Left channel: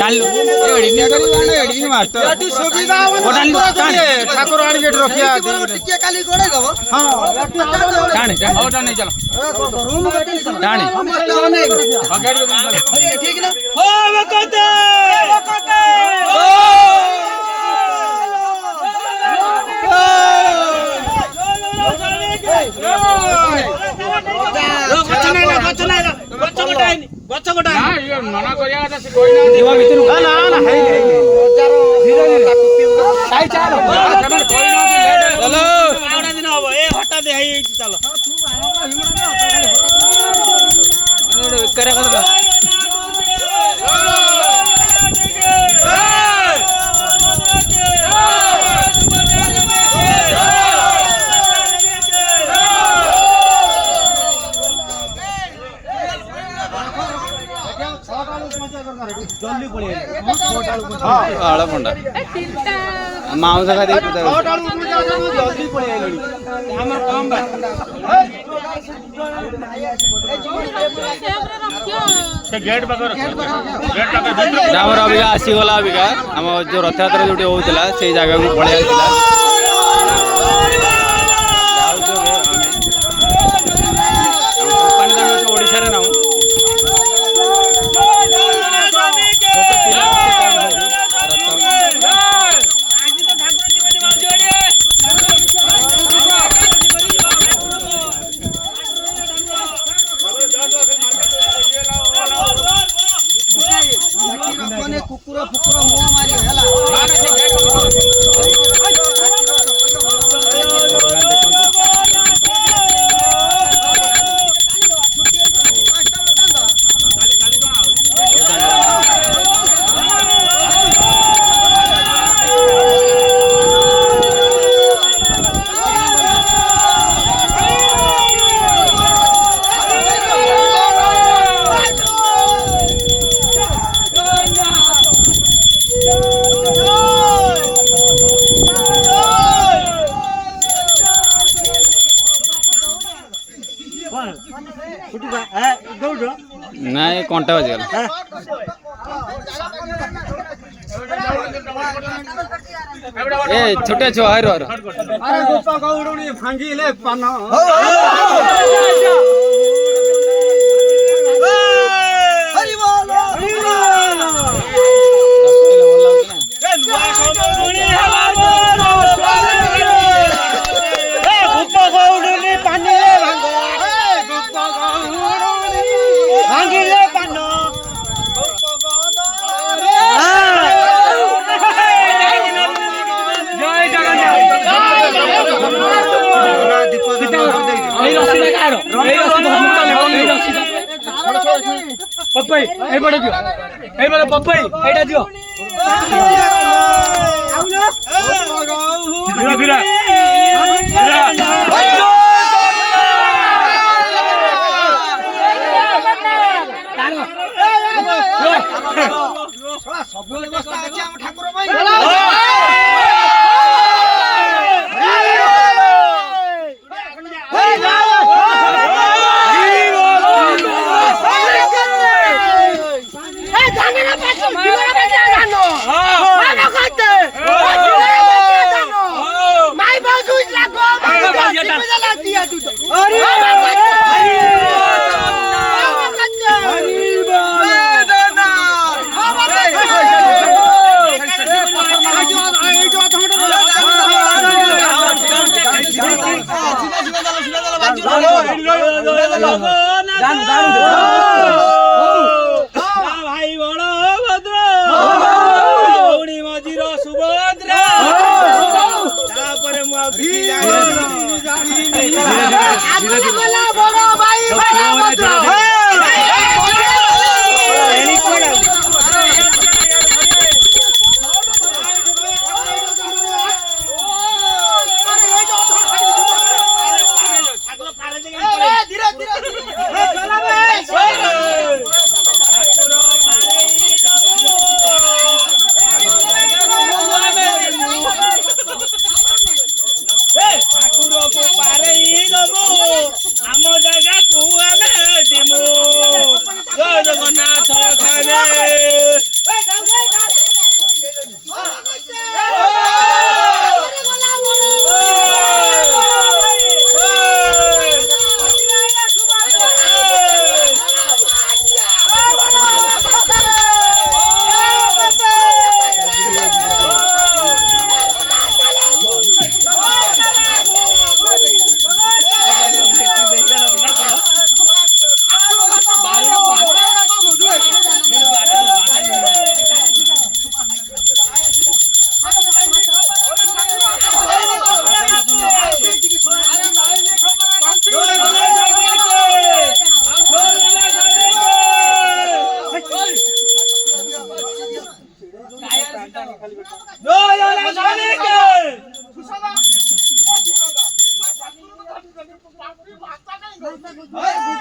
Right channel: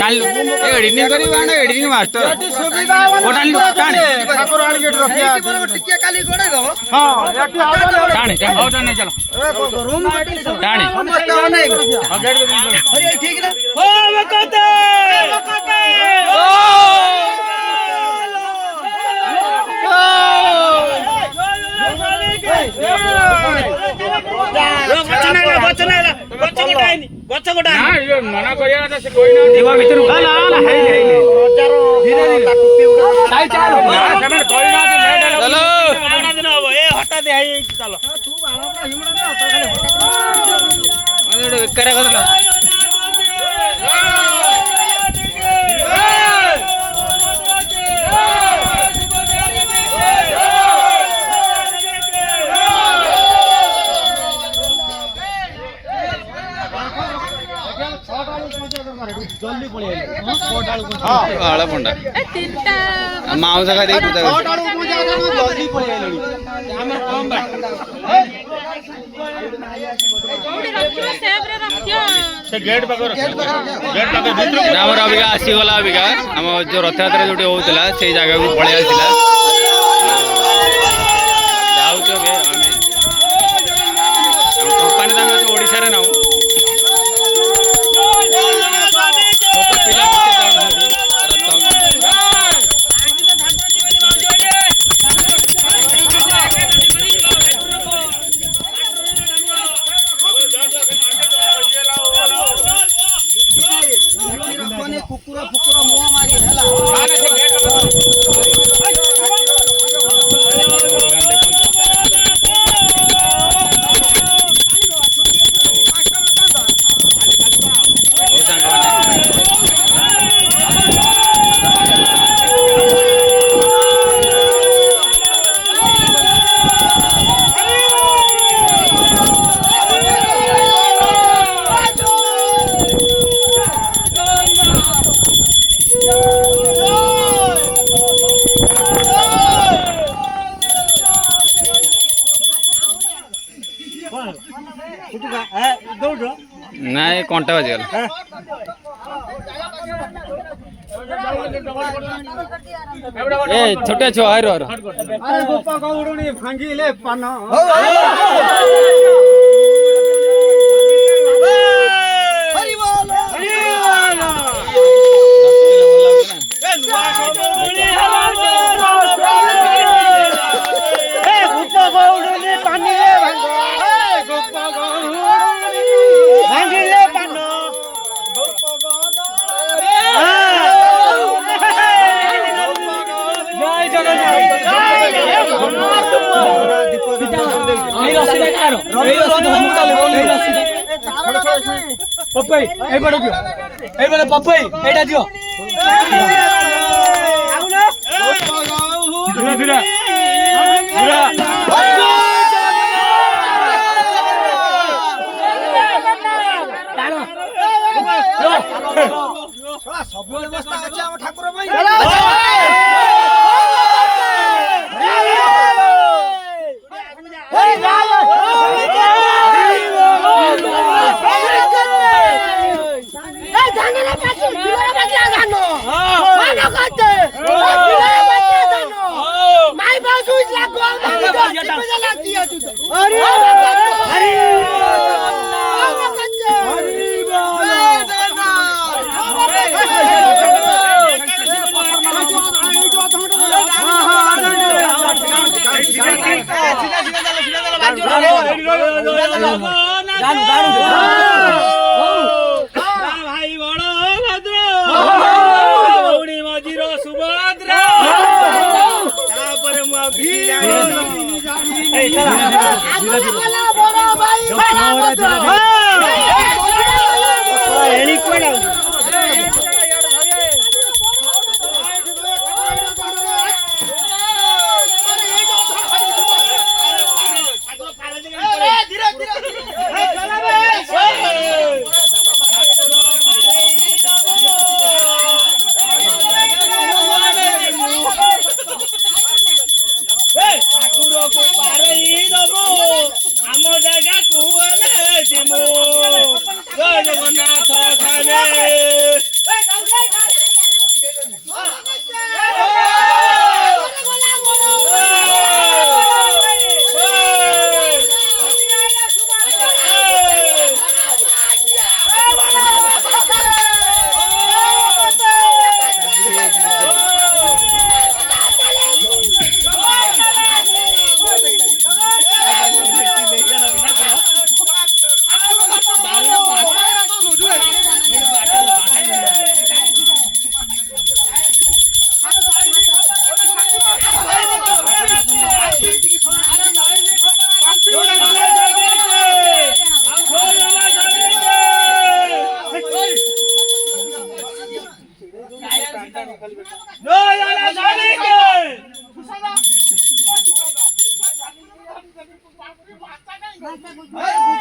टाणलु editing करिबा ना editing master ओ टाणलु टाण ठाकुर आड़ी गेट रखिया टिके खाली गोड़े दो हां याटी टाण टाण ओ टाण चलो रूम टाण समस्त होने गेट अरे ठीक ना हो वकते मना करिया भितर हटा दे चलो माउस का देख अबिका आसीगला अबिका आम जो रथ यात्रा जो होता से जगह को पलि आसला कंपानी तुम ओडिशा ना कुकुर फुकुर मुह मारी नहीं कंटा बजगल ए छोटे छुआ हर अरे गोपा गौडनी भांगिले पान हरि बोल गोपा गौडनी पानी भांगिले पान जय जगन्नाथ पपई ए बड़े दियो ए बड़े पपई एटा दियो धीरे धीरे सब व्यवस्था अछि हम ठाकुर भाई भाई बड़ भद्र मझीर सुभद्रा ठाकुर को पारे आम जगह को ଜଗନ୍ନାଥ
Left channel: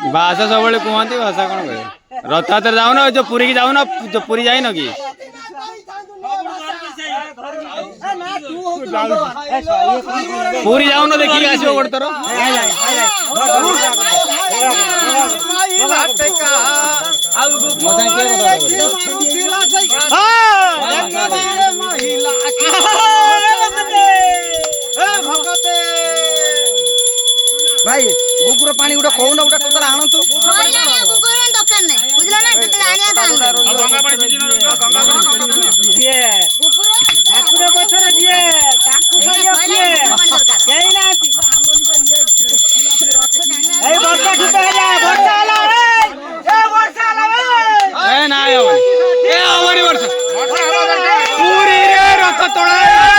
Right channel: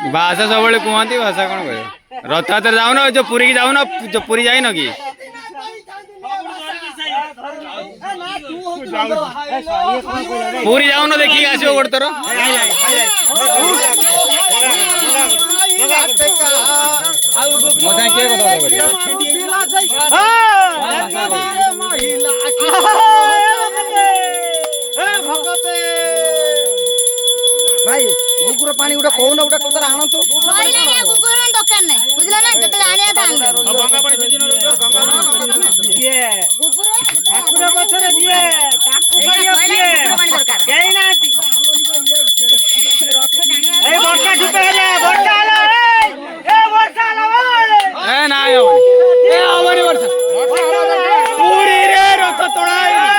भाषा सब कहती भाषा कौन कह रथयात्रा जाऊन जो पुरी की जाऊन जो पुरी जाइन कि पुरी जाऊन देखिक आस गोटे थर मो भाई गुगुर पानी गुटा कौन गुटा कतरा आणंतु गुगुर दकान नै बुझला ना जते आनिया था गंगा पानी छेदिन गंगा पानी किए गुगुर ठाकुर पछरे दिए ठाकुर किए केई नाती ए वर्षा छुटा हला ए वर्षा हला ए ना आवनी वर्षा पूरी रे रथ तोड़ाई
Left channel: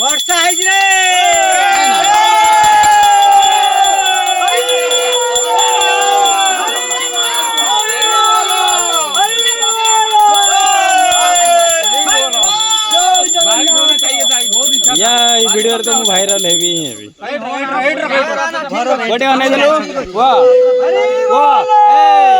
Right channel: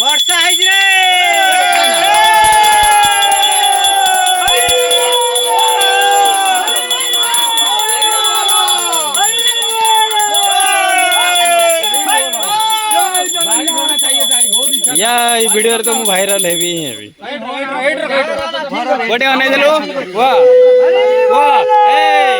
वर्षा है रे या वीडियो तो मु वायरल है भी गोटे अनै देलु वाह वाह ए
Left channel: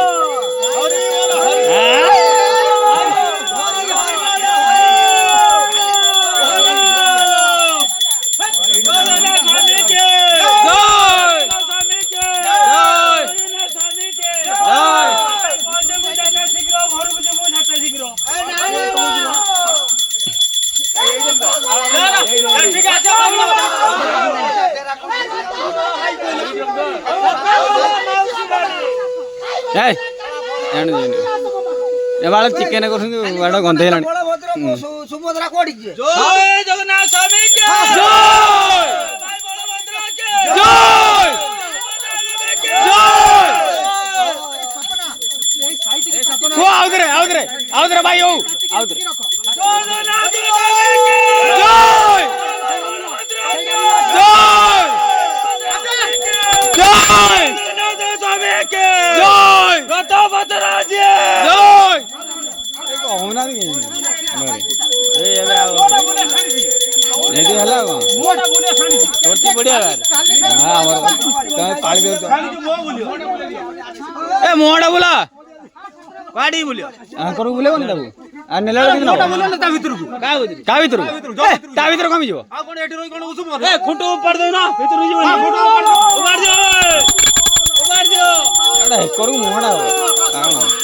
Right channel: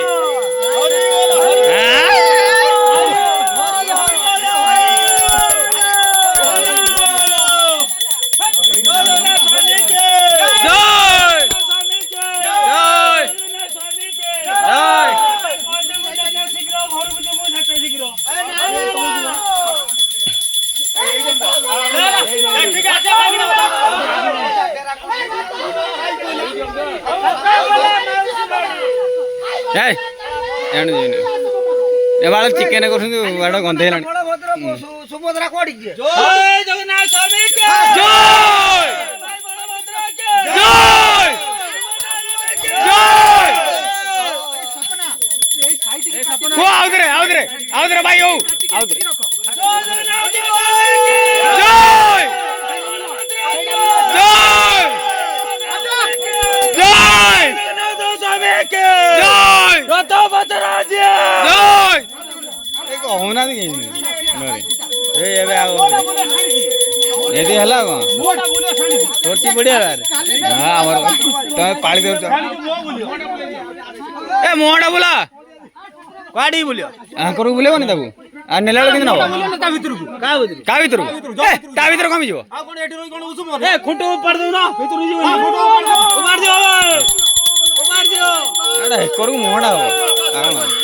एबार चिकेन कर गंधे सुभद्रा कोड़ी जय जगन्नाथ स्वामी के जय जय जय आउदरे भाई हो आउदरे जय जय मोहड़ा बोला गाड़ी बोलियो आंकर बुलेबो नि ताबू आ नेला किन न ता भीतर को का भीतर ता भीतर कमी जो आ कोन एठी रोई कोन उसु मोर ए खुंटू ऊपर दो ना भीतर जो उबार दियो अरे करू मोहड़ा हो